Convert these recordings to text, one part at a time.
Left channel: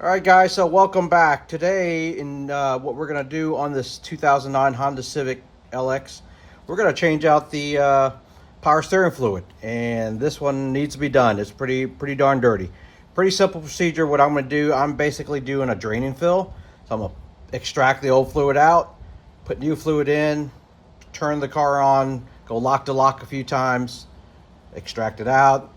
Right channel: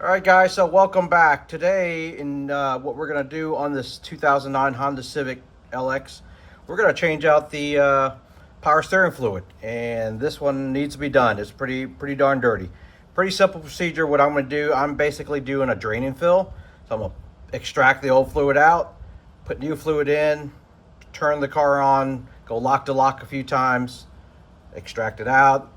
All right, guys, so welcome back. Today, in what we're going to do on this 2009 Honda Civic LX, we're going to change out the power steering fluid, and this one needs to be done. It's pretty darn dirty. Pretty simple procedure. What I'm going to do, I'm basically doing a drain and fill. So I'm going to extract the old fluid out, put new fluid in, turn the car on, go lock to lock a few times, extract it out,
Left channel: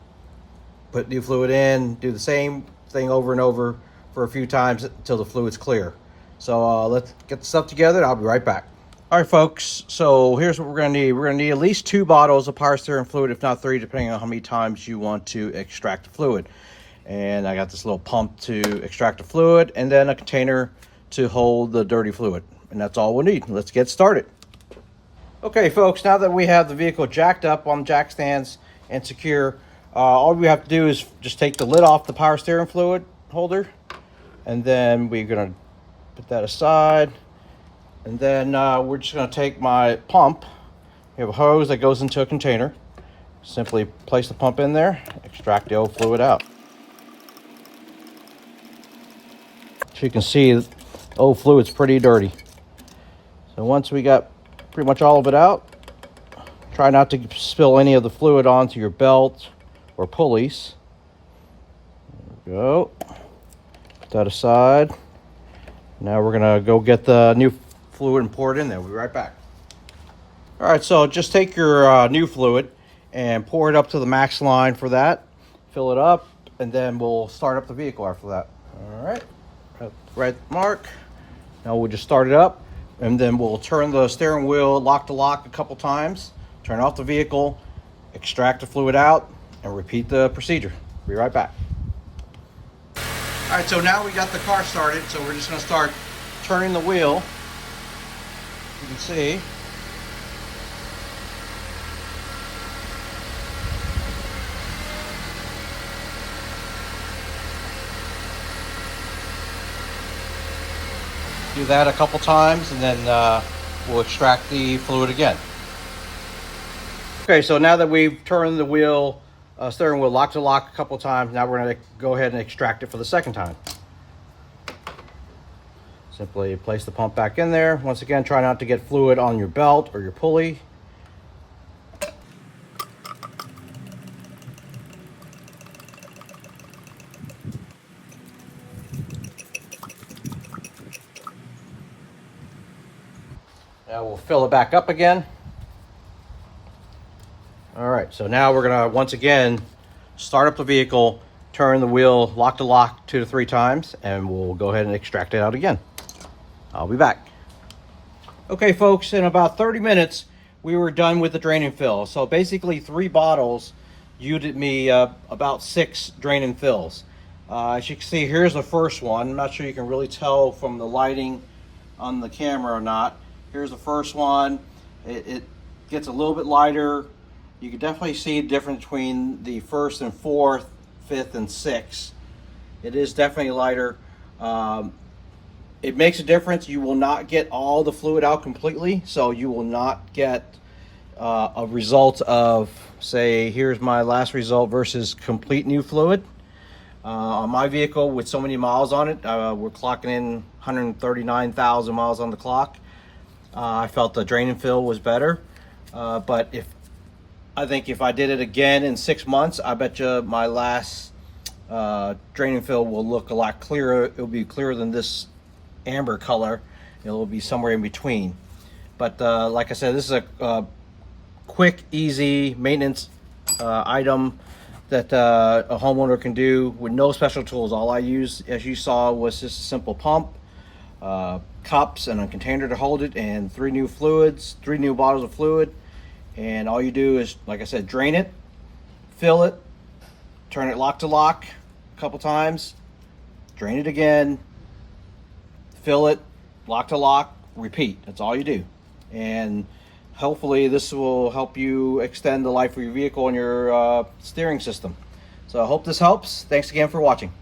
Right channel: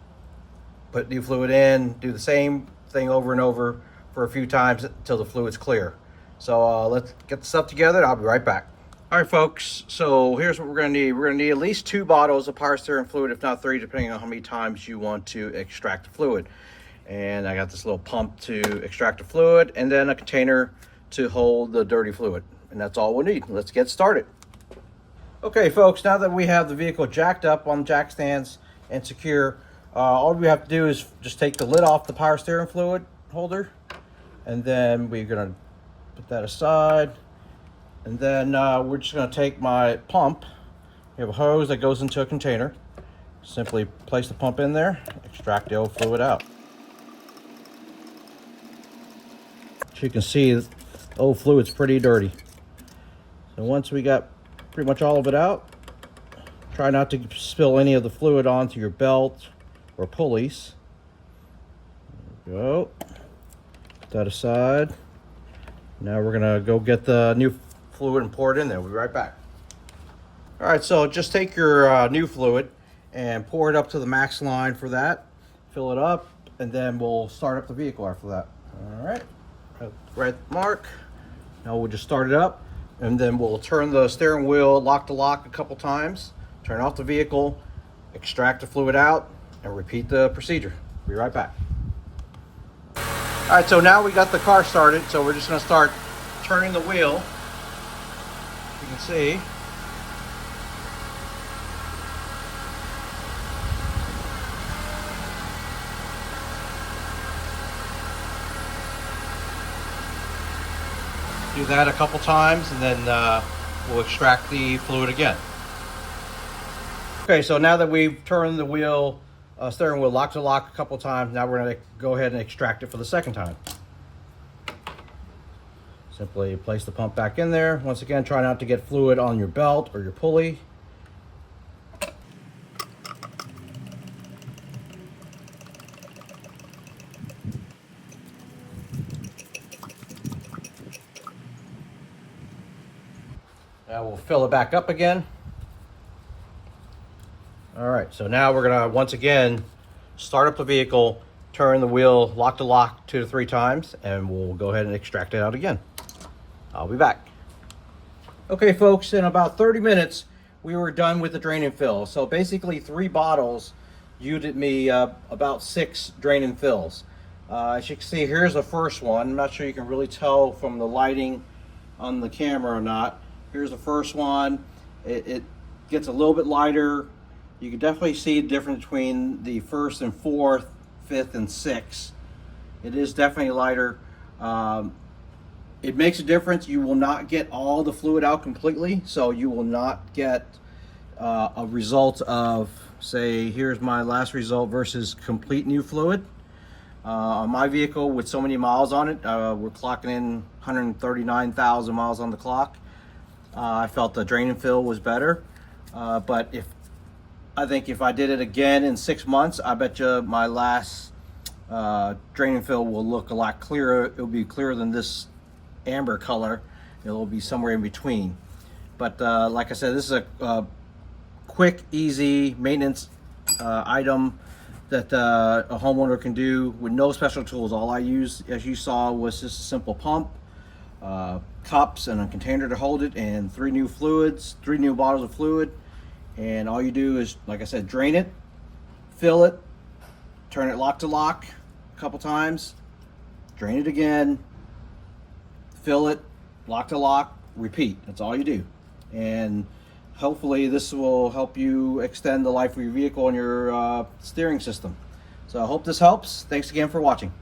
put new fluid in, do the same thing over and over for a few times until the fluid's clear. So let's get the stuff together and I'll be right back. All right, folks, so here's what we're gonna need. We're gonna need at least 2 bottles of power steering fluid, if not 3, depending on how many times you want to extract the fluid. And I got this little pump to extract the fluid, and then a container to hold the dirty fluid. And that's all we'll need. Let's get started. Okay, folks, now that we have the vehicle jacked up on jack stands and secure, all we have to do is just take the lid off the power steering fluid holder, and then we're gonna put that aside, and then we're just gonna take my pump. We have a hose that goes into a container. Simply place the pump in there, extract the old fluid out. As you can see, the old fluid's pretty dirty. So once we got pretty much all of it out, try not to spill any of the fluid onto your belt or pulleys. There we go. Put that aside. Now we're gonna go get the new fluid and pour it in there. We'll be right back. All right, so just take your new fluid and pour it up to the max line for that. Fill it up, and then we'll start up the vehicle after that. All right, right mark. Now we'll just start it up, and then we'll turn the steering wheel lock to lock a couple times, turn off the vehicle, extract the fluid out, and repeat the procedure. Be right back. All right, so now we got the car started, so we're just gonna start turning the wheel. You can see. Do that a couple times, and then we'll extract the fluid again. Okay, so now that we've turned the wheel, steering wheel lock to lock a couple times, now we're going to go ahead and extract it for the second time. Simply place the pump back in there. Once again, try not to get fluid on your belt or your pulley. Now we'll fill it back up again. All right, so now we're gonna once again start up the vehicle, turn the wheel lock to lock 2 to 3 times, and we'll go ahead and extract it out again. I'll be back. Okay, folks, in about 30 minutes, we were done with the drain and fill. So basically 3 bottles yielded me about 6 drain and fills. As you can see, here's the first one. I'm not sure you can really tell from the lighting on the camera or not. Here's the first one. It gets a little bit lighter. You can definitely see the difference between the first and fourth, fifth and sixth. It is definitely lighter. It makes a difference. You will not get all the fluid out completely, so you will not get a result of, say, here's my last result versus complete new fluid. On my vehicle with so many miles on it, we're clocking in 139,000 miles on the clock. I felt the drain and fill was better, but I think if I did it again in 6 months, I bet you my last drain and fill will look a lot clearer. It'll be clearer than this amber color. It'll be somewhere in between. But like I said, this is a quick, easy maintenance item that a homeowner can do with no special tools. All I used, as you saw, was just a simple pump, cups, and a container to hold it, and 3 new bottles of fluid. And all you do is, like I said, drain it, fill it, turn it lock to lock a couple times, drain it again, fill it, lock to lock, repeat. That's all you do. And hopefully this will help you extend the life of your vehicle and your steering system. So I hope this helps. Thanks again for watching.